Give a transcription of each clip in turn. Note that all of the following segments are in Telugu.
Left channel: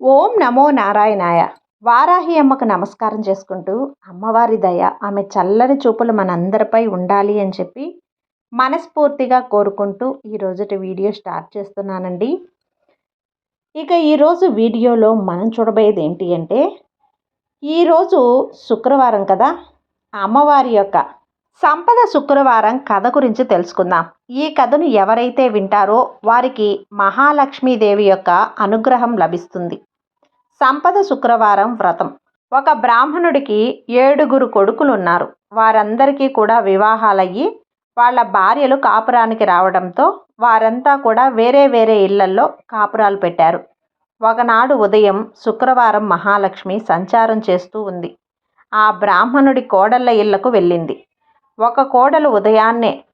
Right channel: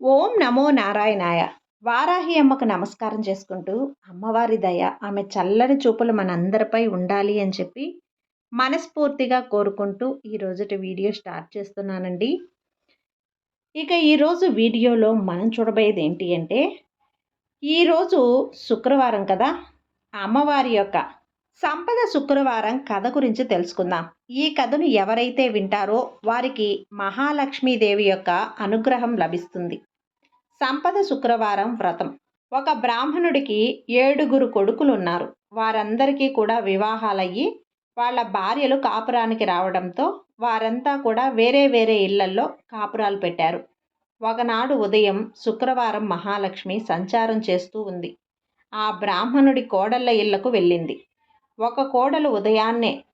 ఓం నమో నారాయణాయ. వారాహి అమ్మకు నమస్కారం చేసుకుంటూ అమ్మవారి దయ ఆమె చల్లని చూపులు మనందరిపై ఉండాలి అని చెప్పి మనస్ఫూర్తిగా కోరుకుంటూ ఈరోజుటి వీడియో స్టార్ట్ చేస్తున్నానండి. ఇక ఈరోజు వీడియోలో మనం చూడబోయేది ఏంటి అంటే ఈరోజు శుక్రవారం కదా అమ్మవారి యొక్క సంపద శుక్రవారం కథ గురించి తెలుసుకుందాం. ఈ కథను ఎవరైతే వింటారో వారికి మహాలక్ష్మీదేవి యొక్క అనుగ్రహం లభిస్తుంది. సంపద శుక్రవారం వ్రతం. ఒక బ్రాహ్మణుడికి ఏడుగురు కొడుకులు ఉన్నారు వారందరికీ కూడా వివాహాలయ్యి వాళ్ళ భార్యలు కాపురానికి రావడంతో వారంతా కూడా వేరే వేరే ఇళ్ళల్లో కాపురాలు పెట్టారు. ఒకనాడు ఉదయం శుక్రవారం మహాలక్ష్మి సంచారం చేస్తూ ఉంది. ఆ బ్రాహ్మణుడి కోడళ్ళ ఇళ్ళకు వెళ్ళింది. ఒక కోడలు ఉదయాన్నే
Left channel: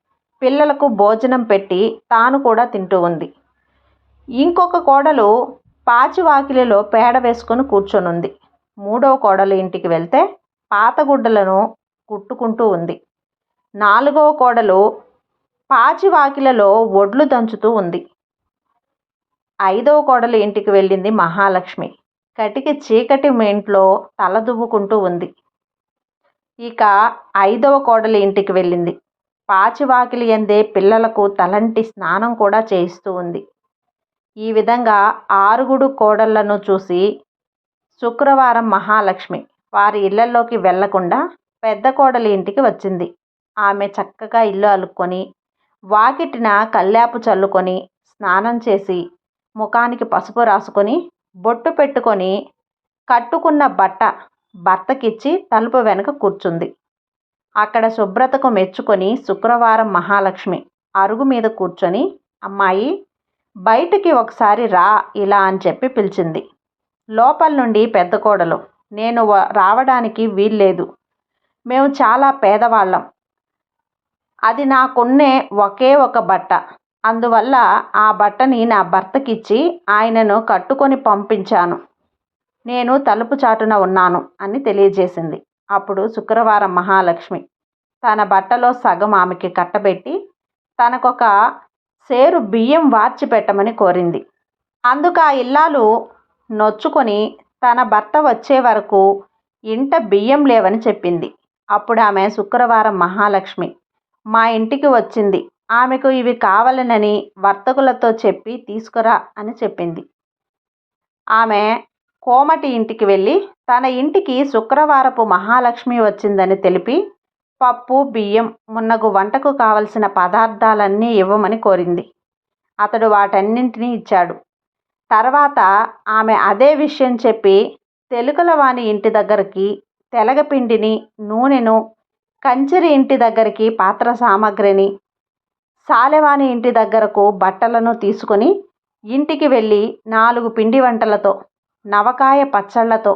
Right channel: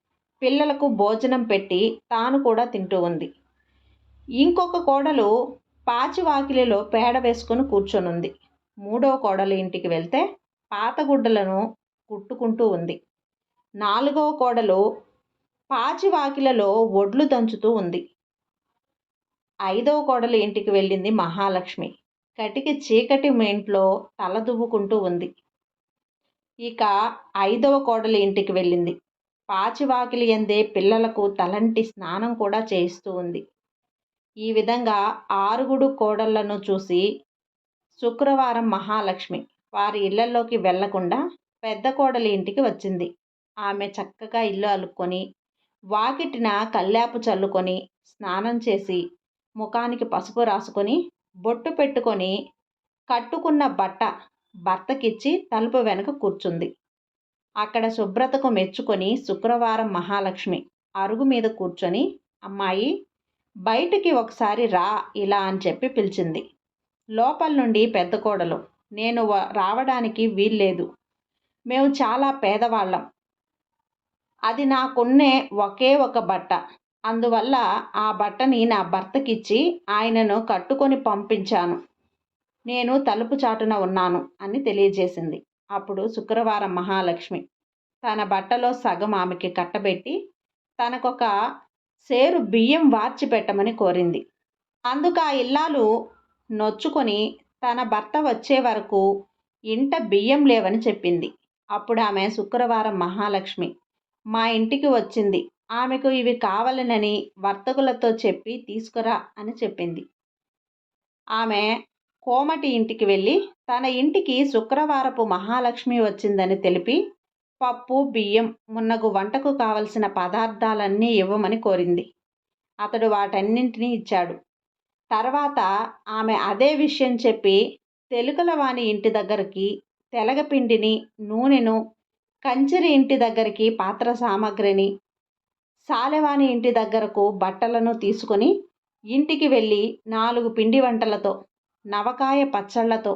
పిల్లలకు భోజనం పెట్టి తాను కూడా తింటూ ఉంది. ఇంకొక కోడలు పాచివాకిలిలో పేడ వేసుకొని కూర్చొనుంది. మూడో కోడలు ఇంటికి వెళ్తే పాతగుడ్డలను కుట్టుకుంటూ ఉంది. నాలుగవ కోడలు పాచివాకిలలో ఒడ్లు దంచుతూ ఉంది. ఐదవ కోడలు ఇంటికి వెళ్ళింది మహాలక్ష్మి. కటికి చీకటి ఇంట్లో తలదువ్వుకుంటూ ఉంది. ఇక ఐదవ కోడలి ఇంటికి వెళ్ళింది. పాచివాకిలి ఎందే పిల్లలకు తలంటి స్నానం కూడా చేయిస్తూ ఉంది. ఈ విధంగా ఆరుగుడు కోడళ్ళను చూసి శుక్రవారం మహాలక్ష్మి వారి ఇళ్ళలోకి వెళ్ళకుండా పెద్ద కోడలి ఇంటికి వచ్చింది. ఆమె చక్కగా ఇల్లు అలుక్కొని వాకిటిన కల్లాపు చల్లుకొని స్నానం చేసి ముఖానికి పసుపు రాసుకొని బొట్టు పెట్టుకొని కట్టుకున్న బట్ట భర్తకిచ్చి తలుపు వెనుక కూర్చుంది. అక్కడ శుభ్రతకు మెచ్చుకొని శుక్రవారం మహాలక్ష్మి అరుగు మీద కూర్చొని అమ్మాయి బయటికి ఒకసారి రా ఇలా అని చెప్పి పిలిచింది. లోపల నుండి పెద్ద కోడలు నేను రావడానికి వీల్లేదు. మేము చాలా పేదవాళ్ళం. అది నాకున్నే ఒకే ఒక బట్ట. అందువల్ల ఆ బట్టని నా భర్తకిచ్చి ఆయనను కట్టుకొని పంపించాను. నేను తలుపు చాటున ఉన్నాను అని తెలియజేసింది. అప్పుడు శుక్రవారం మహాలక్ష్మి తన బట్టలో సగం ఆమెకి కట్టబెట్టి తనకొక సేరు బియ్యం వార్చి పెట్టమని కోరింది. అందుకు ఆ ఇల్లాలు నొచ్చుకొని తన భర్త వచ్చే వరకు ఇంట బియ్యం లేవని చెప్పింది. అప్పుడు ఆమె శుక్రవారం మహాలక్ష్మి మా ఇంటికి వచ్చింది. ఆమెకు ఇవి కావాలనని వర్తకులతో చెప్పి తీసుకురా అని చెప్పింది. ఆమె కోమటి ఇంటికి వెళ్ళి తన ఇంటికి శుక్రవారపు మహాలక్ష్మి వచ్చిందని తెలిపి పప్పు బియ్యం మున్నగు వంటకు కావలసిన పదార్థాలన్నీ ఇవ్వమని కోరింది. అతడు వాటన్నింటినీ ఇచ్చాడు. తర్వాత ఆమె అదే విషయం చెప్పి తెలుగులవాణి ఇంటి దగ్గరికి తెలగపిండిని నూనెను కంచెరి ఇంటి దగ్గరికి పాత్ర సామాగ్రిని సాలెవాణి ఇంటి దగ్గరకు బట్టలను తీసుకొని ఇంటికి వెళ్ళి నాలుగు పిండి వంటలతో నవకాయ పచ్చళ్ళతో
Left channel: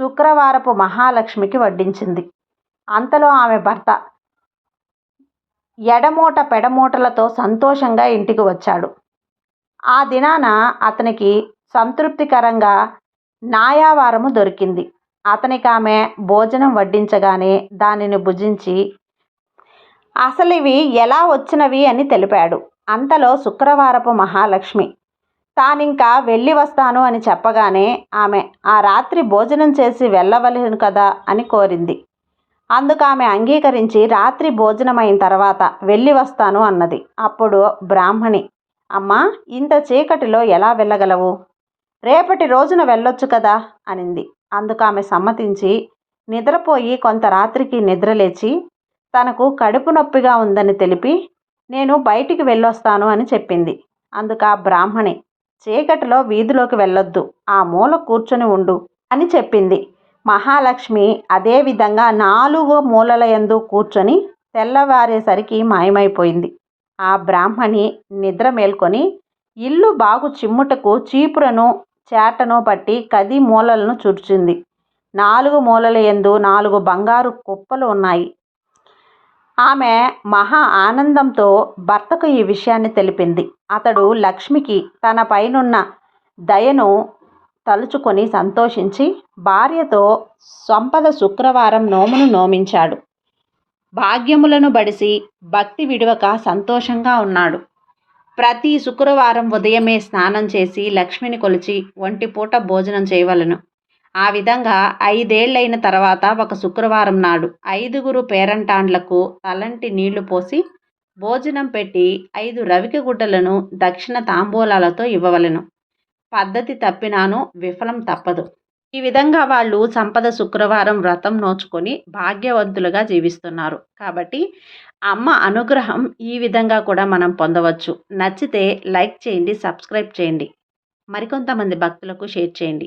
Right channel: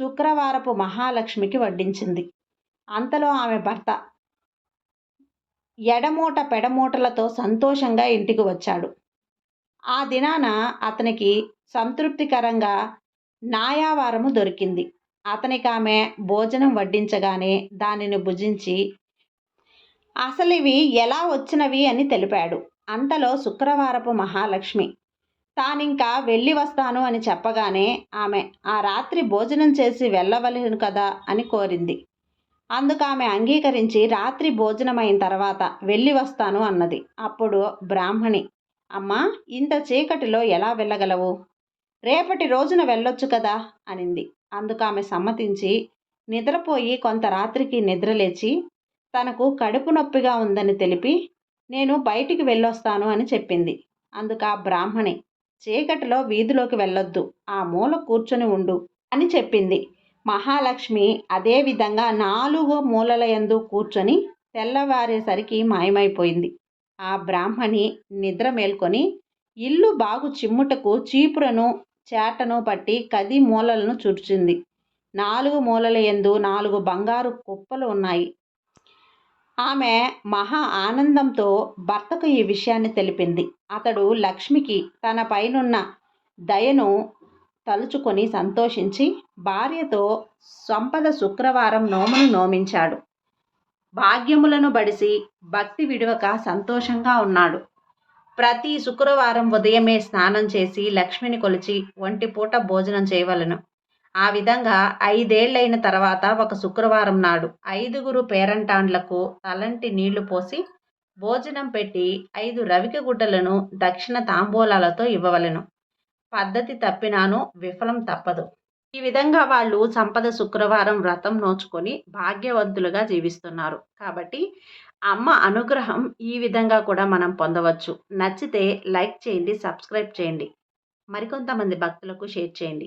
శుక్రవారపు మహాలక్ష్మికి వడ్డించింది. అంతలో ఆమె భర్త ఎడమూట పెడమూటలతో సంతోషంగా ఇంటికి వచ్చాడు. ఆ దినాన అతనికి సంతృప్తికరంగా నాయావారము దొరికింది. అతనికి ఆమె భోజనం వడ్డించగానే దానిని భుజించి అసలు ఇవి ఎలా వచ్చినవి అని తెలిపాడు. అంతలో శుక్రవారపు మహాలక్ష్మి తానింకా వెళ్ళి వస్తాను అని చెప్పగానే ఆమె ఆ రాత్రి భోజనం చేసి వెళ్ళవలను కదా అని కోరింది. అందుకు ఆమె అంగీకరించి రాత్రి భోజనమైన తర్వాత వెళ్ళి వస్తాను అన్నది. అప్పుడు బ్రాహ్మణి అమ్మా ఇంత చీకటిలో ఎలా వెళ్ళగలవు? రేపటి రోజున వెళ్ళొచ్చు కదా అనింది. అందుకు ఆమె సమ్మతించి నిద్రపోయి కొంత రాత్రికి నిద్రలేచి తనకు కడుపు నొప్పిగా ఉందని తెలిపి నేను బయటికి వెళ్ళొస్తాను అని చెప్పింది. అందుకు ఆ బ్రాహ్మణి చీకటిలో వీధిలోకి వెళ్ళొద్దు. ఆ మూల కూర్చొని ఉండు అని చెప్పింది. మహాలక్ష్మి అదేవిధంగా నాలుగు మూలల యందు కూర్చొని తెల్లవారేసరికి మాయమైపోయింది. ఆ బ్రాహ్మణి నిద్ర మేల్కొని ఇల్లు బాగు చిమ్ముటకు చీపురను చేటను పట్టి కది మూలలను చుర్చింది నాలుగు మూలల యందు నాలుగు బంగారు కుప్పలు ఉన్నాయి. ఆమె మహా ఆనందంతో భర్తకు ఈ విషయాన్ని తెలిపింది. అతడు లక్ష్మికి తన పైనున్న దయను తలుచుకొని సంతోషించి భార్యతో సంపద శుక్రవారం నోమును నోమించాడు. భాగ్యములను బడిసి భక్తి విడవక సంతోషంగా ఉన్నాడు. ప్రతి శుక్రవారం ఉదయమే స్నానం చేసి లక్ష్మిని కొలిచి ఒంటి పూట భోజనం చేయవలను. ఆ విధంగా ఐదేళ్ళైన తర్వాత ఒక శుక్రవారం నాడు ఐదుగురు పేరంటాండ్లకు తలంటి నీళ్ళు పోసి భోజనం పెట్టి ఐదు రవిక గుడ్డలను దక్షిణ తాంబూలాలతో ఇవ్వవలెను. పద్ధతి తప్పినాను విఫలం తప్పదు. ఈ విధంగా వాళ్ళు సంపద శుక్రవారం వ్రతం నోచుకొని భాగ్యవంతులుగా జీవిస్తున్నారు. కాబట్టి అమ్మ అనుగ్రహం ఈ విధంగా కూడా మనం పొందవచ్చు. నచ్చితే లైక్ చేయండి సబ్స్క్రైబ్ చేయండి. మరికొంతమంది భక్తులకు షేర్ చేయండి.